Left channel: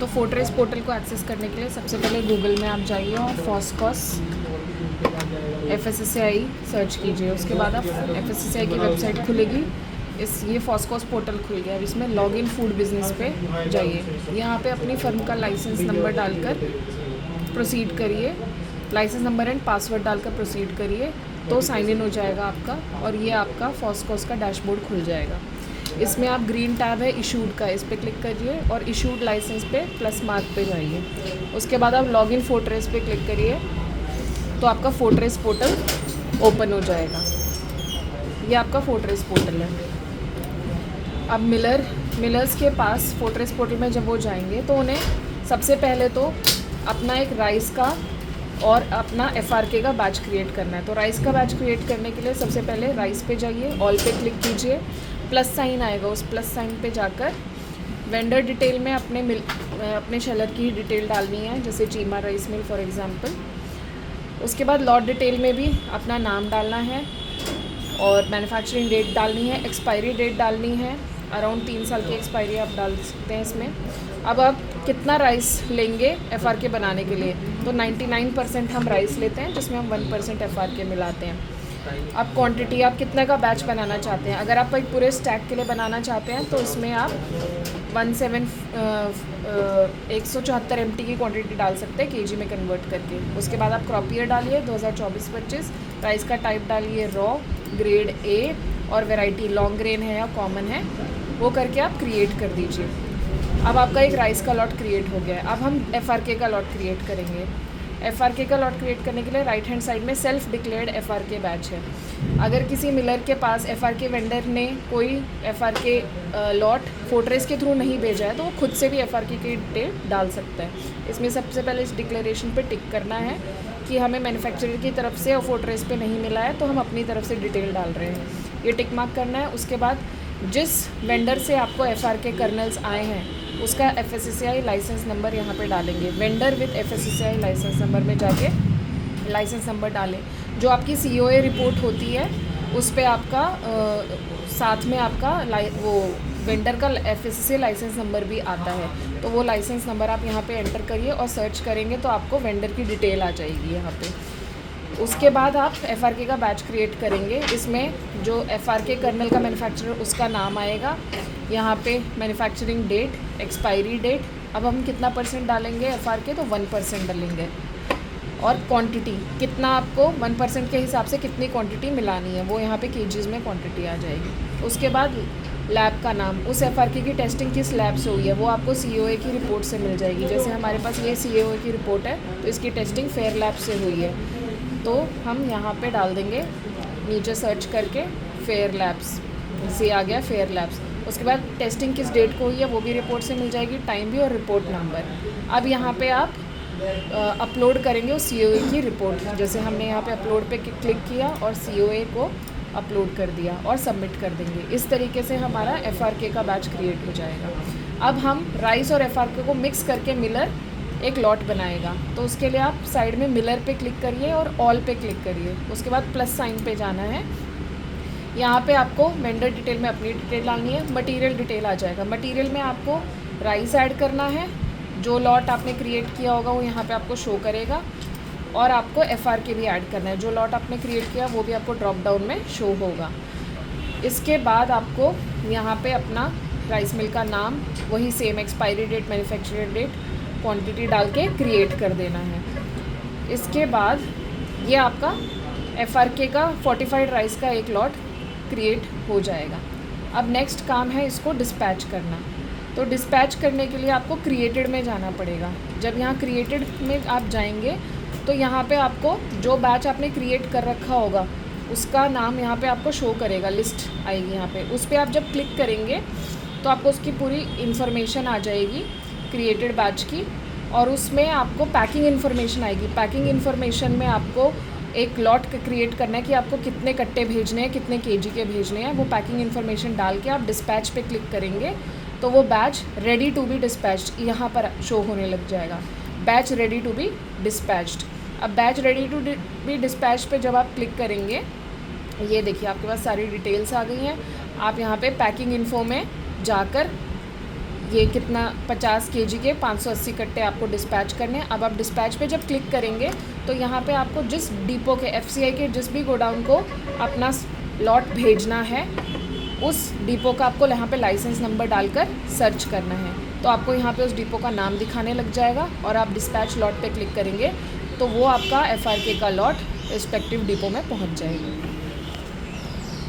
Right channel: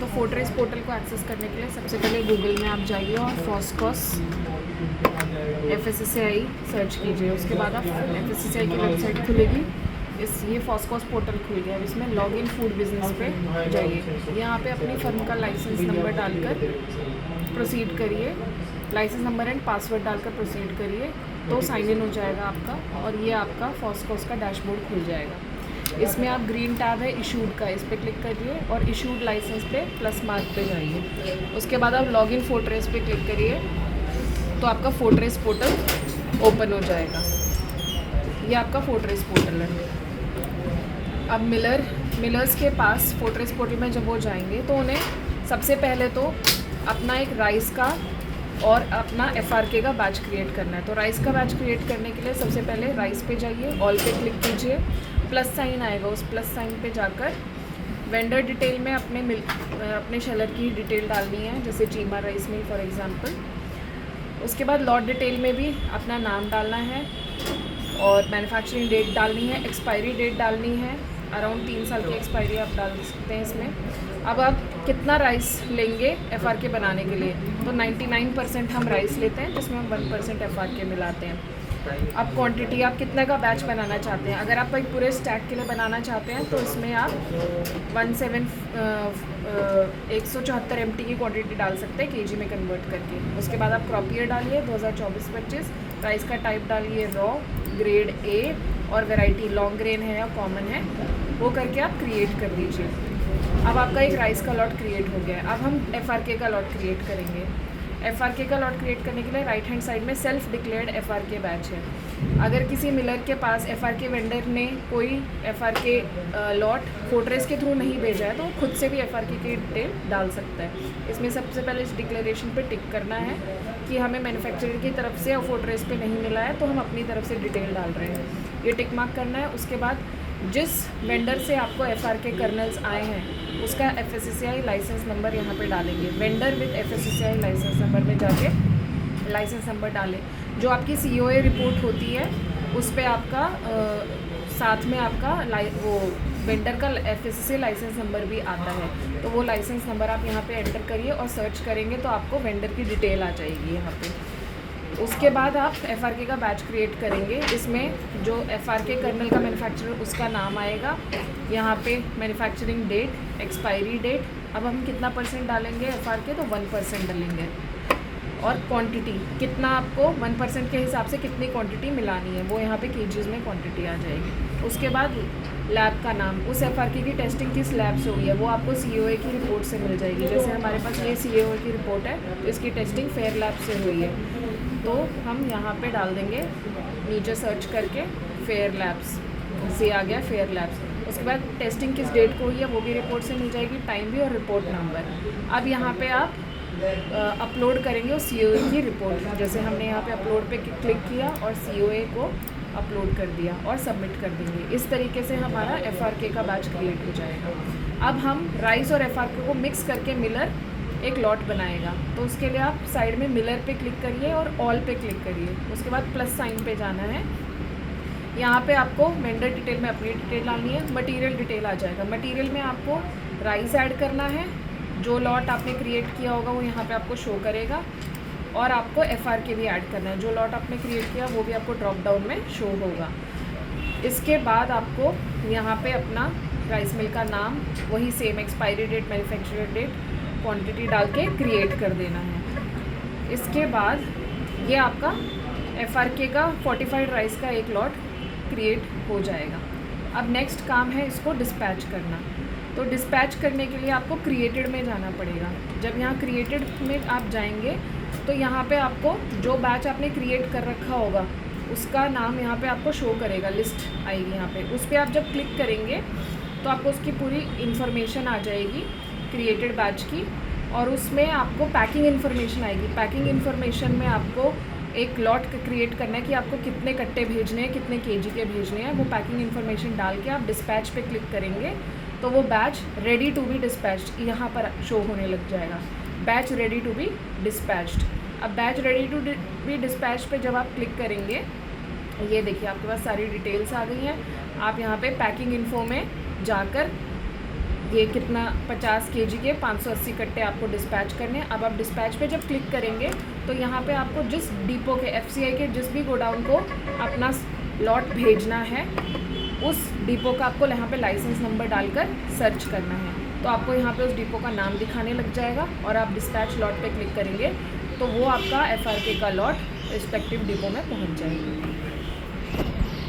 तो fortress portal को access करने के लिए सबसे पहले गूगल में आप जाइए और फॉस्कॉस FSSAI सर्च कीजिए। उसके बाद आप FSSAI की वेबसाइट खुलेगी। ये फॉस्कॉस पोर्टल खुल गया है। इसमें लॉगिन फूड बिजनेस पे जाइए। यहाँ पे अपनी फर्म का लाइसेंस नंबर डालकर प्रोसीड करिए। लाइसेंस नंबर एंड पासवर्ड डालकर प्रोसीड करिए तो साइन इन हो जाएगा आपका, और ये आपका फॉस्कॉस का डैशबोर्ड खुल जाएगा। इसमें आप ग्रीन टैब है इशूड का, इस पर क्लिक करिए और इशूड लाइसेंस पे प्लस मार्क पे जाइए। उसके बाद आप लॉगिन फोर्ट्रेस पे क्लिक करिए तो आपका फोर्ट्रेस पोर्टल ओपन हो जाएगा। ये आपका फोर्ट्रेस पोर्टल है। अब मिलर्स के पास फोर्ट्रेस पोर्टल में जब वो जाएंगे तो उन्हें सबसे पहले तो अपना एक राइस का और अपना FRK का बैच क्रिएट करना है। तो राइस का बैच क्रिएट करने के लिए सबसे पहले राइस पे जाइए, ऑल पे क्लिक कीजिए, प्लस साइन आएगा, उस प्लस साइन पे जाकर वेंडर डिटेल में अपने शेलर की डिटेल डालनी है, जैसे Cheema rice mill for example. उसके बाद लॉट डिटेल में भी अपना नाम डालना है और मैन्युफैक्चरिंग डेट डालनी है, एक्सपायरी डेट डालनी है, अराउंड 3 साल की एक्सपायरी आप डाल सकते हैं इसमें। अब आप कितना राइस लेंगे FRK बनाने के लिए, तो 99% हम राइस लेते हैं जिसमें हम 1% FRK मिलाते हैं। अब क्वांटिटी आप कितना का बैच बनाना चाहते हैं, अगर आप एक पूरे स्टैक के लिए बनाना चाहते हैं तो उसमें आप 174 MT की क्वांटिटी डाल सकते हैं KG में कन्वर्ट करके। उसके बाद आप क्रॉप ईयर डालिए 2024-25, राइस का टाइप डालिए रॉ, ग्रेड A और वैरायटी लॉन्ग ग्रेन है या कॉमन है, वो करके आप क्रिएट कर दीजिए। अब आपका एक राइस का लॉट क्रिएट हो गया है। अब हम FRK का लॉट क्रिएट करेंगे। FRK का लॉट क्रिएट करने के लिए राइट हैंड साइड में सेल्फ डिक्लेयर्ड FRK बैच है। अगर किसी मिलर के पास FRK वेंडर ने कोई FRK लॉट फोर्ट्रेस के थ्रू नहीं भेजा है तो वो खुद से भी FRK की डिटेल डाल सकता है। इसमें सबसे पहले इस डिक्लेरेशन पे टिक करना है कि हमें मैन्युफैक्चरर की तरफ से और फोर्ट्रेस पे नहीं मिला है तो हम अपनी तरफ से डिटेल डाल रहे हैं, ये टिक मार्क करना है। उसके बाद जिस वेंडर से आपको FRK कर्नल्स आए हैं उसका FSSAI लाइसेंस नंबर यहाँ पे डालेंगे। Vendor with FSSAI licence number में जाके लाइसेंस नंबर डालें। जो आपकी COA रिपोर्ट होती है उस पर आपका साथ में आपका वो वेंडर का FSSAI लाइसेंस नंबर भी आता है, तो वो लाइसेंस नंबर आप यहाँ पे एंटर करिए और सर्च करेंगे तो आपको वेंडर की डिटेल आ जाएगी यहाँ पे। उसके बाद आप FRK का बैच क्रिएट करेंगे। इसमें जो FRK कर्नल का मैन्युफैक्चरर उसका नाम आएगा, यहाँ पे मैन्युफैक्चरिंग डेट, एक्सपायरी डेट। अब हम कितना परसेंट डालेंगे FRK, तो 1% डालेंगे। और क्वांटिटी कितना आपको 1% के हिसाब से कितनी क्वांटिटी मिलानी है वो यहाँ पे केजीज में क्वांटिटी आ जाएगी। उसके बाद लैब का नाम, उस FRK की टेस्टिंग किस लैब से हुई है वो आपको COA की रिपोर्ट से मिल जाएगी। जैसे हमारे पास ये COA की रिपोर्ट है तो इसकी टेस्टिंग फेयर लैब से हुई है, तो हम यहाँ पे डाल देंगे नीचे सर्च करके फेयर लैब्स, से आ गया फेयर लैब्स। उसके बाद टेस्टिंग किस डेट को हुई है वो भी रिपोर्ट से मिल जाएगी, टाइम भी और रिपोर्ट नंबर। अब यहाँ पे आप अपलोड करेंगे उस COA की रिपोर्ट, जैसे हमने यहाँ पे अपलोड पे क्लिक किया और COA को अपलोड कर दिया और सबमिट कर देंगे। इस तरीके से हमारा FRK का बैच क्रिएट हो जाएगा। अब हम राइस और FRK को मिक्स करके मिलर एक लॉट बनाएगा, तो उसके लिए आप साइड में मिलर पे क्लिक करिए और ऑल पे क्लिक करिए। उसके बाद प्लस साइन पे जाना है। यहाँ पे आपको वेंडर डिटेल में अपनी डिटेल डालनी है, मटेरियल डिटेल आ जाएगा। मटेरियल में आपको राइस ऐड करना है, जो लॉट आपने क्रिएट किया होगा वो यहाँ पे आपको शो करेगा, और आपको FRK भी ऐड करना है, जो लॉट आपने क्रिएट किया वो भी आपको ड्रॉप डाउन में शो होगा। इसके बाद आपको यहाँ पे अपना राइस मिल का नाम, वही same expiry date, manufacturer date, quantity डाल के क्रिएट कर देना है। इसके बाद ये आपका FRK का फोर्टिफाइड राइस का एक लॉट क्रिएट हो जाएगा। अब नेक्स्ट काम है इसको डिस्पैच करना। तो डिस्पैच करने के लिए आपको क्रिएटेड में जाना पड़ेगा। जब यहाँ क्रिएटेड में आप जाएंगे तो यहाँ पे आपको जो बैच आपने क्रिएट कर रखा होगा उसका नाम यहाँ पे आपको शो करेगा, लिस्ट आएगी यहाँ पे। उस पर आप जब क्लिक करेंगे तो आपको उसकी पूरी इन्फॉर्मेशन आ जाएगी क्रिएटेड बैच की, और उसमें आपको पैकिंग इन्फॉर्मेशन आएगी। पैकिंग इन्फॉर्मेशन में आपको एक लॉट क्रिएट करना है कि आपको कितने कट्टे भेजने हैं, कितने KG के भेजने हैं। वो पैकिंग इन्फॉर्मेशन डाल के आप डिस्पैच पे क्लिक करेंगे तो वो batch ready to be dispatched यहाँ पर शो होने लग जाएगा, batch ready to be dispatched. अब batch ready to be dispatch पे जब आप क्लिक करेंगे, ये देखिए आपके पास सारी डिटेल्स आ गई हैं। आप यहाँ पे पैकिंग इन्फो में जाकर ये कितना 50 केजी के 580 कट्टे आपको डिस्पैच करने हैं। अब आप डिस्पैच पे जब क्लिक करेंगे तो यहाँ पे आपको जिस डिपो के FCI के जिस भी गोडाउन को अपना लॉट भेजना है उस डिपो का आपको यहाँ पे लाइसेंस नंबर डालकर सर्च करना है। तो आपको यहाँ पे उस डिपो का नाम दिखाने लग जाएगा और आप डिस्पैच लॉट पे क्लिक करेंगे तो वो आपका FRK का लॉट रिस्पेक्टिव डिपो में पहुँच जाएगा।